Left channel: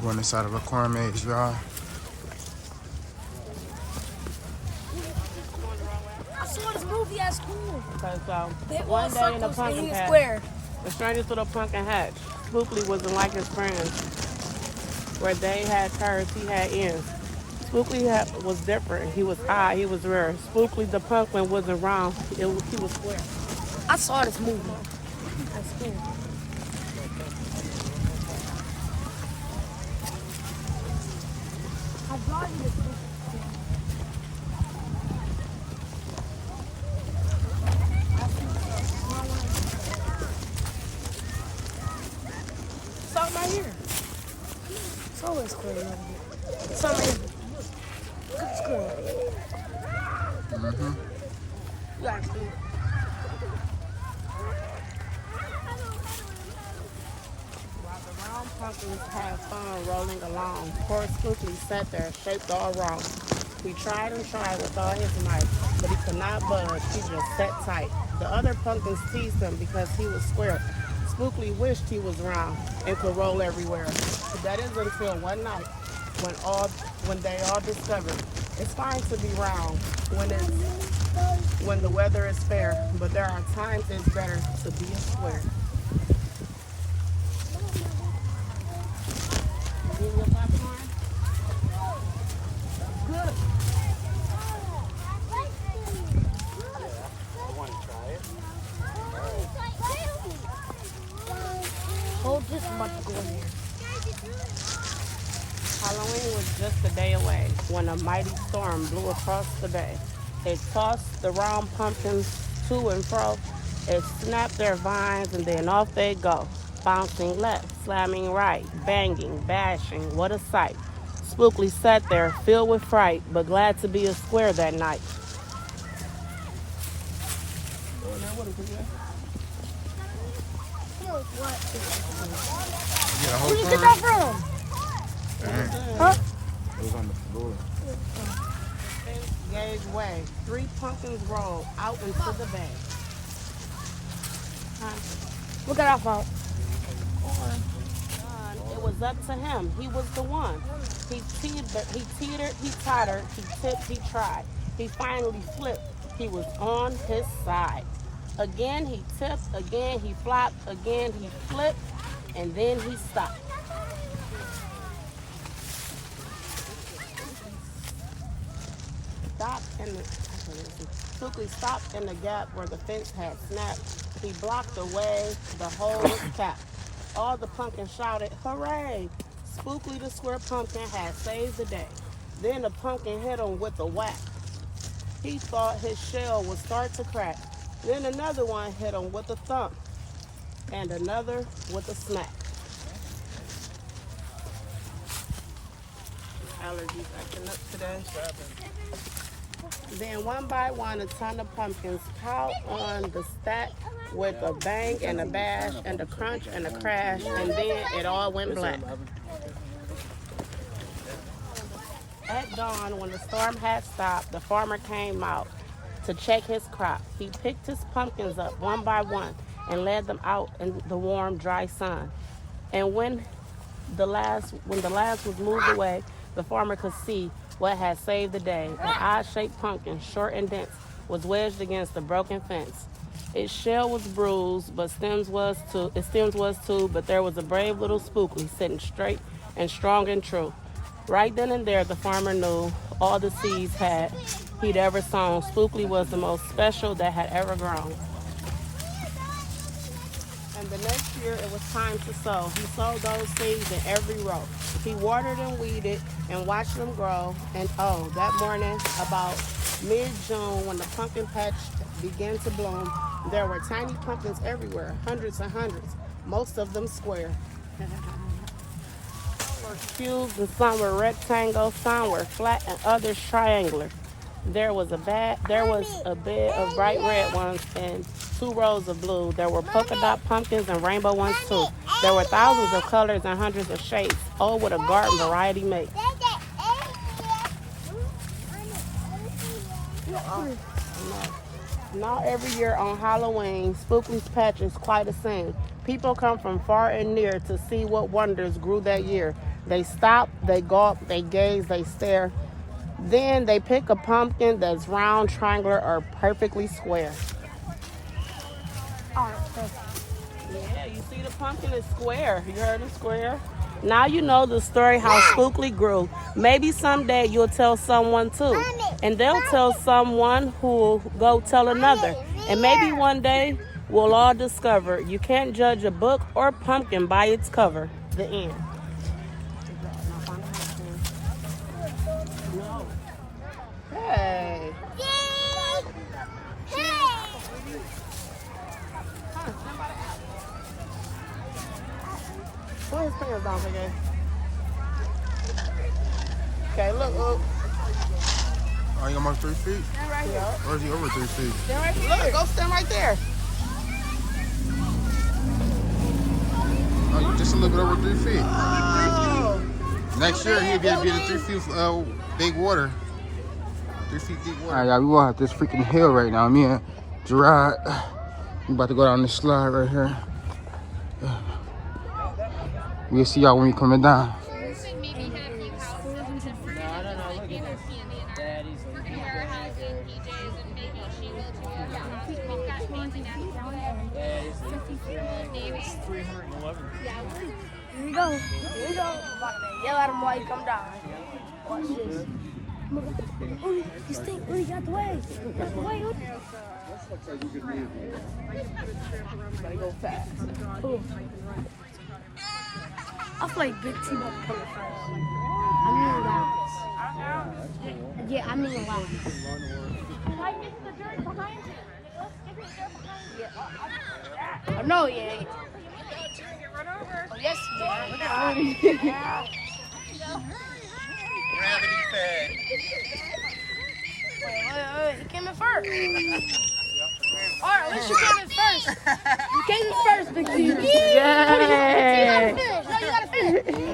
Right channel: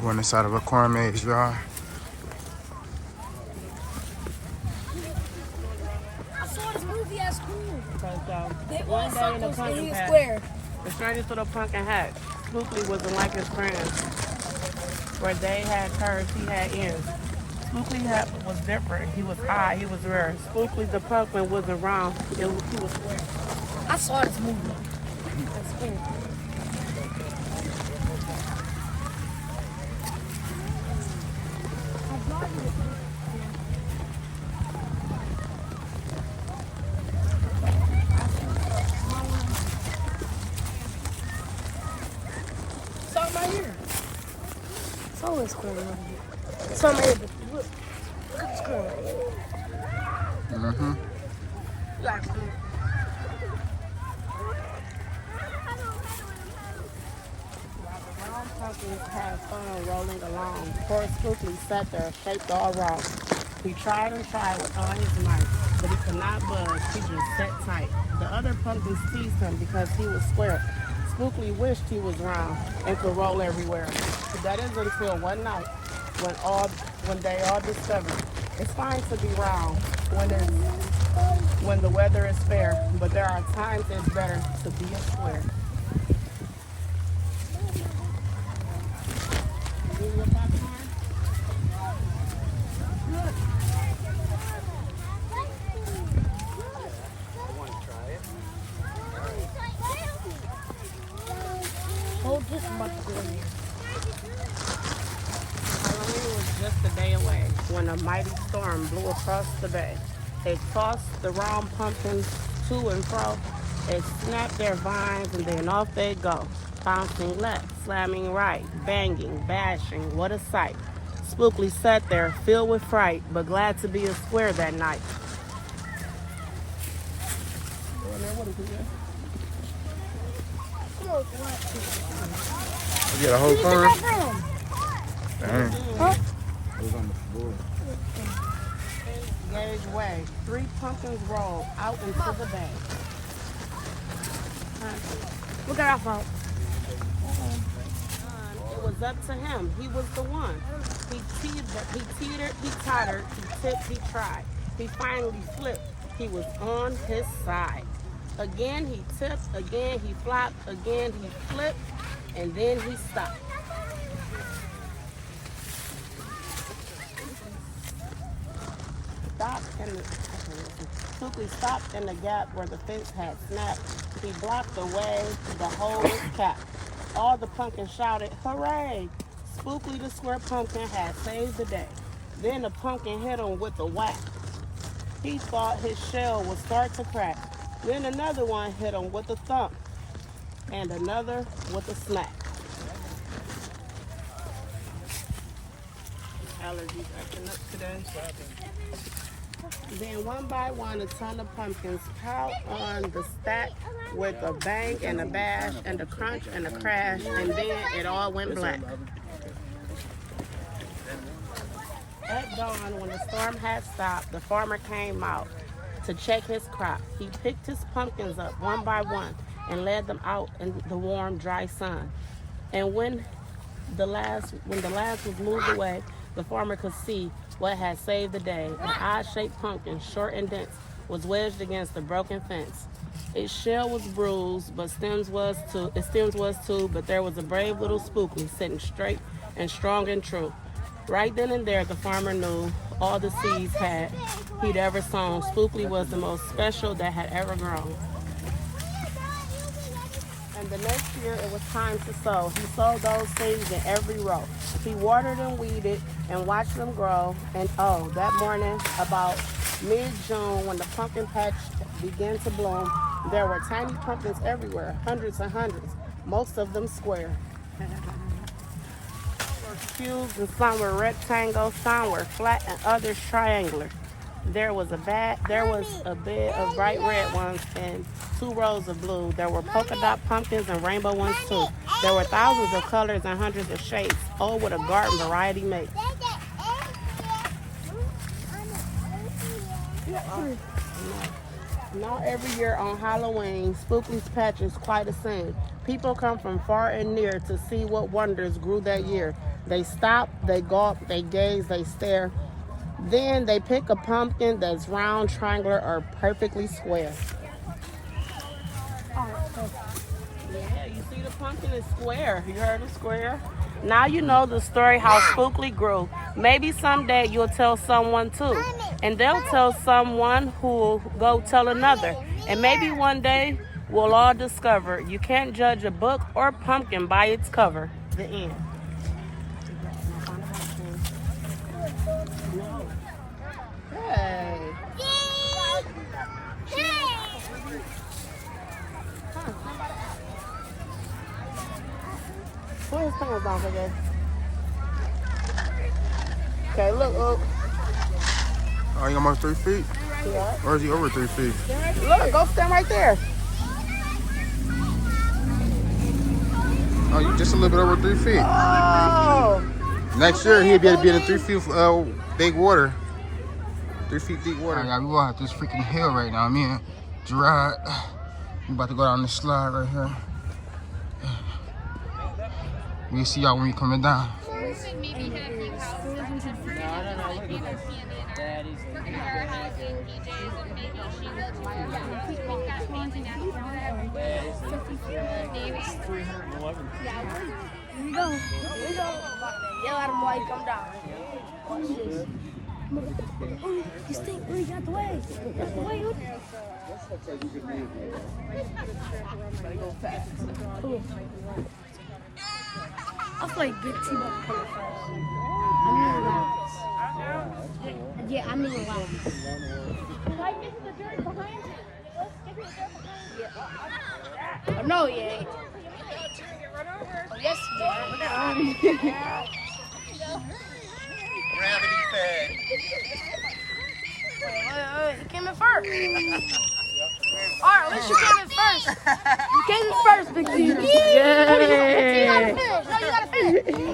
Going inside of a corn maze, y'all. I saw this movie at school. Because They all one day in the circles pumpkin in the patch, square. the strangest little pumpkin hatch, Spookly wasn't like his friends. Where they had curves, he had ends. Spookly was different. He was high, he was rare. Spookly the pumpkin wasn't round, he was square. I saw this movie at school. I brought you this book. Stop right here. Some of this cool. Some of it. Mm-hmm. While the round pumpkins had fun rolling along, poor Spookly sat there, shaped all wrong. He tried and tried with all his might, but he could not budge. He just sat tight. The other pumpkins teased him because he was square. Spookly wished he was round and could roll everywhere. But that is until one night when they all discovered it's fine to be round when the weather is fair, but there are times it's better to be a square. Give me your popcorn. Good. Hold this about to go in here. Halloween was just a day away when a mighty storm blew across the bay. It tossed the round pumpkins to and fro. It snapped their vines and then off they go. Bouncing left, slamming right, banging, bashing, what a sight. Spookly sat there, filled with fright, but glad to be a square that night. You get a whole Where did you get corn? that from? Dang. Huh? It was on the floor. Gauge way. 3 pumpkins rolled out into the bay. Look at that fault. It was up to him. He was the one. He teetered, he tottered, he tipped, he tried. He finally flipped. He was on his side. Again he tipped, again he flopped, again he flipped, and then he stopped. Spookly stopped in the gap where the fence had snapped. He blocked the way, the hole was capped. All the pumpkins shouted, hooray! Spookly the square pumpkin had saved the day. Then the pumpkin hit him with a whack. He thought his shell would start to crack. Then another one hit him with a thump, and another with a smack. Allergies acting up today. Then one by one, a ton of pumpkins piled on the stack with a bang and a bash and a crunch and a crash, and then it all went black. At dawn, when the storm had stopped, the farmer came out to check his crop. He picked his pumpkins up one by one and led them out in the warm, dry sun. And when the last was moved away, the farmer could see what had saved the day. An odd-shaped pumpkin, short and dense, was wedged against the broken fence. Its shell was bruised, but its stems was too, but there was a brave little Spookly sitting straight and strong and true. Right then and there, the farmer knew all the seeds he'd ever sown. Spookly was the most special that had ever grown. And the next year, it was time to sow. He sowed those seeds in every row. He watered and weeded and watched them grow. And oh, that morning, about mid-June, when the pumpkin patch began to bloom, there were tiny pumpkins everywhere, hundreds and hundreds, most of them square. Cubes, and some were rectangle, some were flat, and others triangular. There was a bed of bright red ones and 2 rows of blue. There were polka dot pumpkins and rainbow ones too. There were thousands of colors and hundreds of shapes. Oh, what a garden variety made. Now every year on Halloween, Spookley's Patch is quite a scene. People come from far and near to see what wonders grew that year. They stop, they gawk, they gaze, they stare. Then they pick a pumpkin that's round, triangular, or perfectly square. Yeah, you see the pumpkin is square. You heard it, square? Now you know the story how Spookley grew. Maybe someday you'll tell someone too. And they'll tell someone who will go tell another. And maybe one day we'll all discover you can't judge a book or pumpkin by its cover. The end. No. Hey. Huh, somebody out. Put his pants on again. Okay, look. Oh, you almost 3 feet? Stand right here. Or is he over 3 feet? Stand right here. Go stand right there. Oh, you just a little bit over 3 feet. Oh. Next year, he'll be able to be in 3 feet big water. 3 feet deep water. All right, y'all, we walking up this freaking hill right now. Me and Gerard, we about to go down this slide right here. We'll see y'all when we coming down. Maybe have you houses and we're gonna do like either candy and we're gonna wear our house in PJs and maybe she will too wear her house. We've got fancy Navy. 311. Yeah, here we go. Here we go. Yell at him while you come down. Watch this. Oh, you stink. Oh, you got the way. Got the way. Gotta go fast. Oh. I feel like Big T about to come first. I mean loud. Yeah, I mean loud. Like, is the dirt behind you? Let's get the dirt behind you. Oh, no, you ain't. Oh, yes, you are. Gravity fed. Wait, you came in first. Alright, at least you came in first. You came in first, Big T. Yeah. You gotta finish. No, you gotta finish.